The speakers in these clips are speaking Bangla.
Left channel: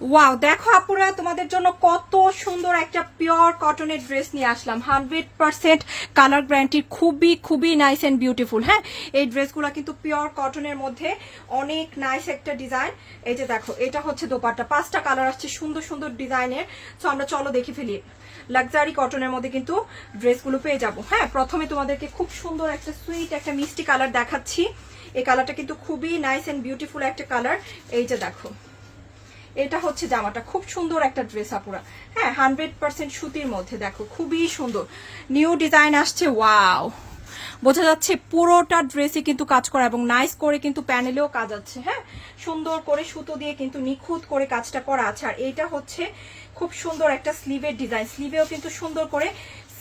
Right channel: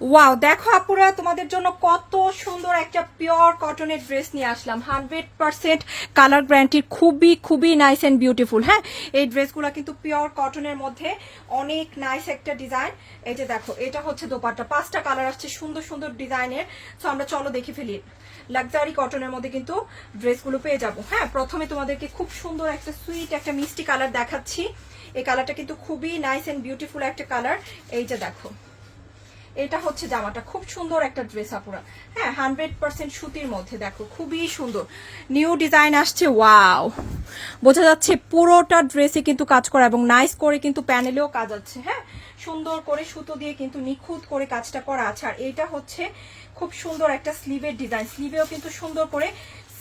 ওয়াও, দেখো আপুরা তোমাদের জন্য কত সুন্দর একটা পিওর কটনের ড্রেস নিয়ে আসলাম। 100% কালার গ্যারান্টি, খুবই খুবই নাইস অ্যান্ড বিউটিফুল। হ্যাঁ, এই ড্রেসগুলো কিন্তু পিওর কটনের মধ্যে অনেক নাইস একটা ডিজাইন। এই যে দেখো, এটা হচ্ছে দোপাট্টা, 5টা কালার আসছে সুন্দর সুন্দর ডিজাইনের। তো আমরা চলো দেখে ফেলি। লাক্সারি কটনের মধ্যে কিন্তু ড্রেসগুলো পেয়ে যাবো। হ্যাঁ, প্রথমে তোমাদেরকে খুব সুন্দর একটা সুইট একটা মিষ্টি কালার দেখাচ্ছি। এই কালারটা কিন্তু খুবই নাইস অ্যান্ড বিউটিফুল একটা কালার। এই যে দেখো, এটা হচ্ছে জামাটা, খুব সুন্দর একটা ড্রেস আপুরা। হ্যাঁ, 100% সুতির মধ্যে, দেখো খুবই সুন্দর নিউ ডিজাইন আসছে। ওয়াও, বোঝা যাচ্ছে পুরোটা ড্রেসে কিন্তু কাজ করা এবং নাইস করে কিন্তু প্যানেলেও কাজ আছে। হ্যাঁ, সুন্দর করে সুতো দিয়ে কিন্তু নিখুঁত করে কাজটা করা আছে। আর এইটা হচ্ছে খুব সুন্দর একটা স্লিভের ডিজাইন, স্লিভেও কিন্তু সুন্দর করে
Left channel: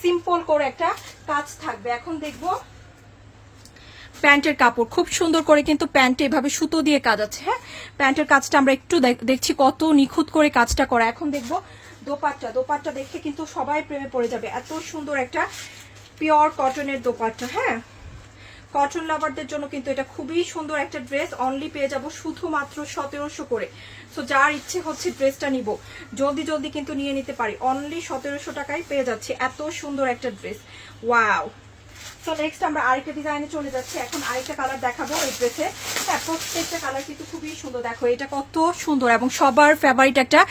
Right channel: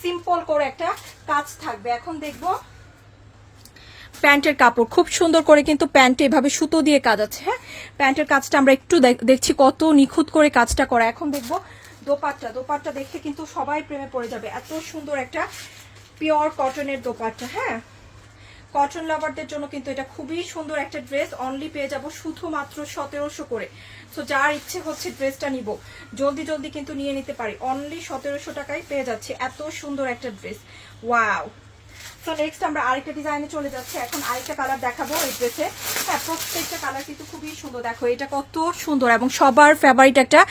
সিম্পল করে একটা কাজ থাকবে। এখন দেখবো প্যান্টের কাপড়, খুব সুন্দর করে কিন্তু প্যান্টে এভাবে সুতো দিয়ে কাজ আছে। হ্যাঁ, প্যান্টের কাজটা আমরা একটু দেখছি কত নিখুঁত করে কাজটা করা। এখন দেখবো দোপাট্টা, দোপাট্টা দেখে কিন্তু সবাই প্রেমে পড়ে যাবে। এত সুন্দর একটা পিওর কটনের দোপাট্টা। হ্যাঁ, কটন লাভারদের জন্য কিন্তু এটা খুবই সুন্দর একটা ড্রেস। অনলি পেয়ে যাবো শুধুমাত্র 1700 করে। সো যার ইচ্ছে হচ্ছে ড্রেসটা নিব, জলদি জলদি কিন্তু নিয়ে নিতে পারি। অনলি 1700 টাকায় পেয়ে যাচ্ছে এত সুন্দর একটা ড্রেস। ওয়াও। তো নেক্সট আমরা আরেকটা ডিজাইনে চলে যাচ্ছি। এখন আরেকটা কালার দেখাবো এই ড্রেসে। হ্যাঁ, প্রত্যেকটা কালার কিন্তু খুবই সুন্দর। দেখো এটা কত সুন্দর এবং সবার ফেভারিট একটা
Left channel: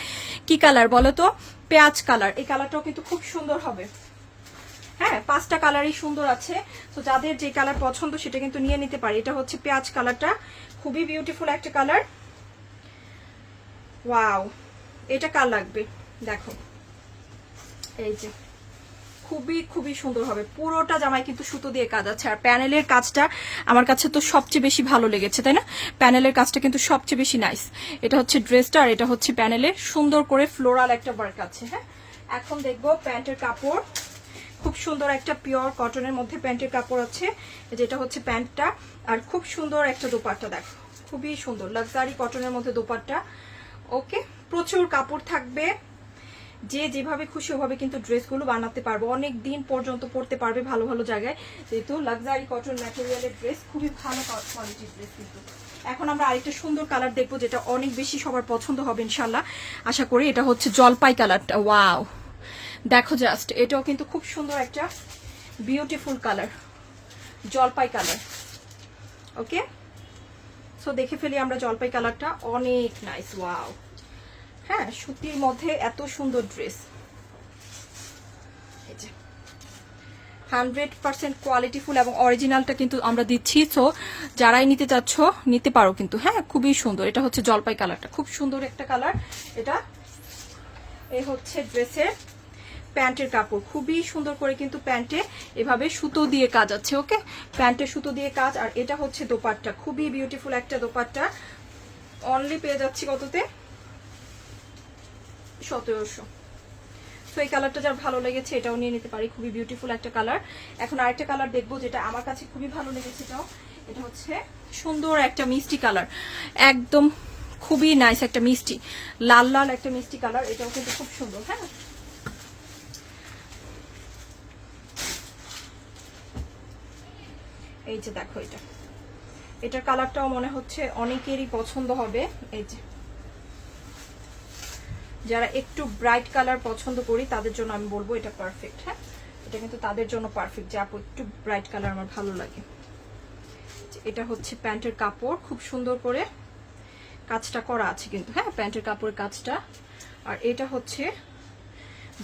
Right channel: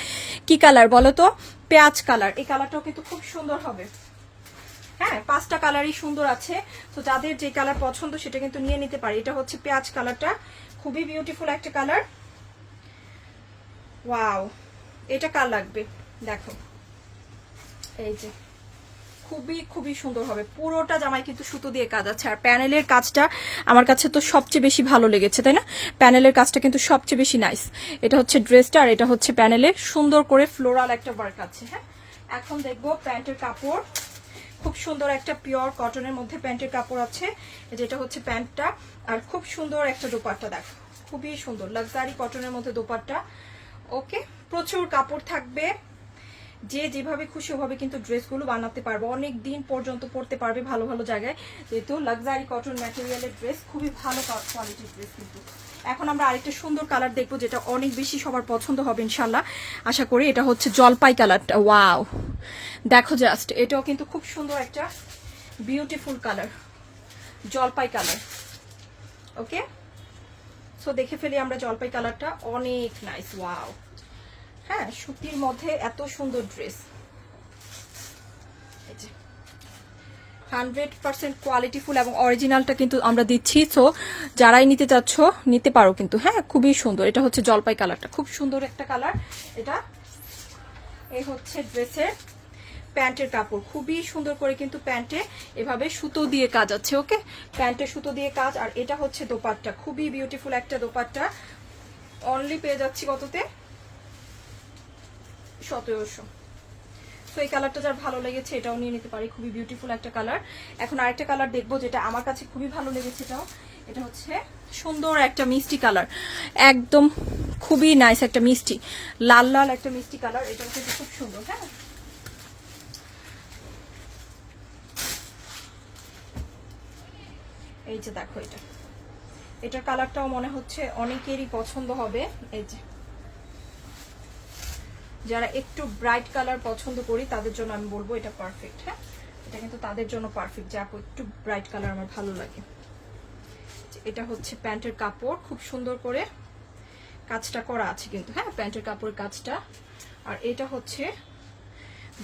কি কালার বলো তো? পেঁয়াজ কালার। এই কালারটাও কিন্তু খুব সুন্দর হবে। হ্যাঁ, 5টা কালারই সুন্দর আছে। তো যাদের যে কালার পছন্দ সেটা কিন্তু নিয়ে নিতে পারে। এটা হচ্ছে পেঁয়াজ কালারটা, খুবই বিউটিফুল একটা কালার। ওয়াও, এটা কার লাগবে দেখো, এই যে খুবই খুবই সুন্দর হবে। পুরোটা জামায় কিন্তু সুতো দিয়ে কাজ আছে। আর প্যানেলের কাজটা আমার কাছে তো সবচেয়ে বেশি ভালো লেগেছে, তাই না? প্যানেলের কাজটা কিন্তু সবচেয়ে বেশি নাইস। এটা হচ্ছে ড্রেসটা আর এটা হচ্ছে প্যানেলে সুন্দর করে ফ্লোরাল একটা ওয়ার্ক আছে। হ্যাঁ, এখন দেখবো প্যান্টের কাপড়, খুব সুন্দর একটা পিওর কটনের মধ্যে প্যান্টের কাপড় আছে। যেটা হচ্ছে প্যান্টটা, আর খুব সুন্দর একটা দোপাট্টা। দেখো খুবই সুন্দর লাক্সারি কটনের মধ্যে দোপাট্টা। ওকে, প্রচুর কাপড় থাকবে, যে যেভাবে খুশি ওভাবে কিন্তু ড্রেসগুলো বানাতে পারবো, অনেক দিন পর্যন্ত পরতে পারবে ভালো ভালো জায়গায়। যেহেতু লাক্সারি কটন ম্যাটেরিয়ালের ড্রেস, খুবই ভালো কোয়ালিটির ড্রেস কিন্তু। এখন আমরা আরেকটা সুন্দর কালার দেখবো, যেটা অনেক বেশি সবার পছন্দ হবে ইনশাল্লাহ, আশা করি। এটা হচ্ছে জলপাই কালারটা। ওয়াও, দেখো জাস্ট, এটাও কিন্তু খুব সুন্দর একটা বিউটিফুল কালার, জলপাই কালার। ওকে, সো দেখে ফেলি আমরা জলপাই কালারটা, অনেক নাইস। ওয়াও, হ্যাঁ, সুতির মধ্যে এত সুন্দর ড্রেস। 100% কোয়ালিটিফুল এবং অরিজিনালটা কিন্তু আমরা দিচ্ছি। সো যারাই নিতে চাচ্ছ নিতে পারো কিন্তু। হ্যাঁ, খুবই সুন্দর। এটা হচ্ছে জলপাই কালারটা, খুব সুন্দর একটা কালার এটা। এই হচ্ছে ড্রেসের প্যান্টের কাপড়, খুবই সুন্দর করে কিন্তু প্যান্টে এভাবে সুতো দিয়ে কাজ আছে। ওকে, প্যান্টে সুতো দিয়ে কাজ। আর এটা হচ্ছে দোপাট্টা, খুবই বিউটিফুল একটা দোপাট্টা। অনলি পেয়ে যাচ্ছি কততে? 1700। তো এই কালারটা যার ভালো লেগেছে এটাও নিয়ে নিতে পারি, খুবই বিউটিফুল একটা কালার। এখন আরেকটা কালার দেখবো যেটা আমার কাছে খুবই ভালো লেগেছে। এটা হচ্ছে সুন্দর একটা মিষ্টি কালার, একদম খুবই নাইস একটা মিষ্টি লাল লাল একটা মিষ্টি কালার। এটাও কিন্তু খুব সুন্দর। হ্যাঁ, এই যে দেখো, এটার কালারটাও মনে হচ্ছে অনেকেরই পছন্দ হবে। এই যে যারা একটু ব্রাইট কালার পছন্দ করি তাদের জন্য আমি বলবো এটা পারফেক্ট। হ্যাঁ, এটা কিন্তু তাদের জন্য পারফেক্ট, যে আপু একটু ব্রাইট কালার আমার ভালো লাগে। এটা হচ্ছে প্যান্টের কাপড়, খুব সুন্দর করে কাজটা করা আছে কিন্তু। হ্যাঁ, প্যান্টের কাপড়ের কাজটা। আর এটা হচ্ছে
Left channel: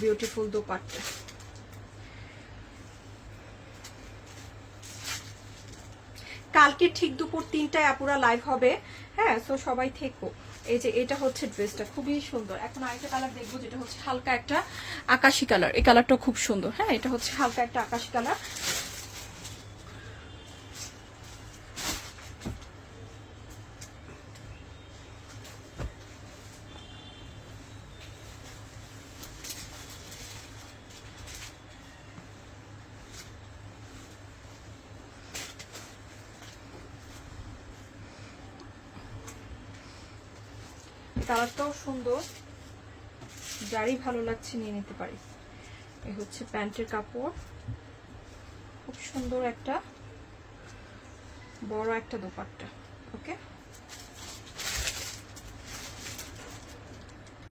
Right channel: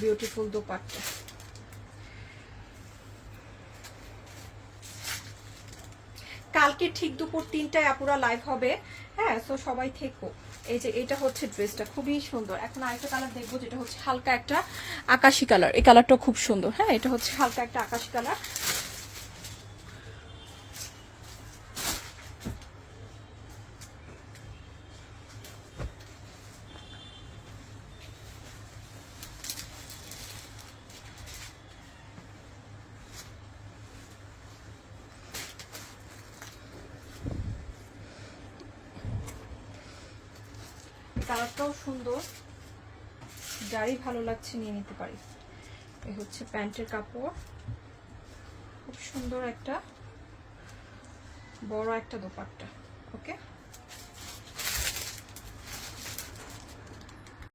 বিউটিফুল দোপাট্টা। কালকে ঠিক দুপুর 3টায় আপুরা লাইভ হবে। হ্যাঁ, তো সবাই থেকো। এই যে এটা হচ্ছে ড্রেসটা, খুবই সুন্দর। এখন আরেকটা কালার দেখবো যেটা হচ্ছে হালকা একটা আকাশি কালার। এই কালারটাও খুব সুন্দর। হ্যাঁ, এটা হচ্ছে হালকা একটা আকাশি কালার। কালারটাও সুন্দর, যারই ভালো লাগছে নিয়ে নিতে পারি। এই হচ্ছে প্যান্টের কাপড়, খুব সুন্দর একটা বড় একটা দোপাট্টা। ওকে,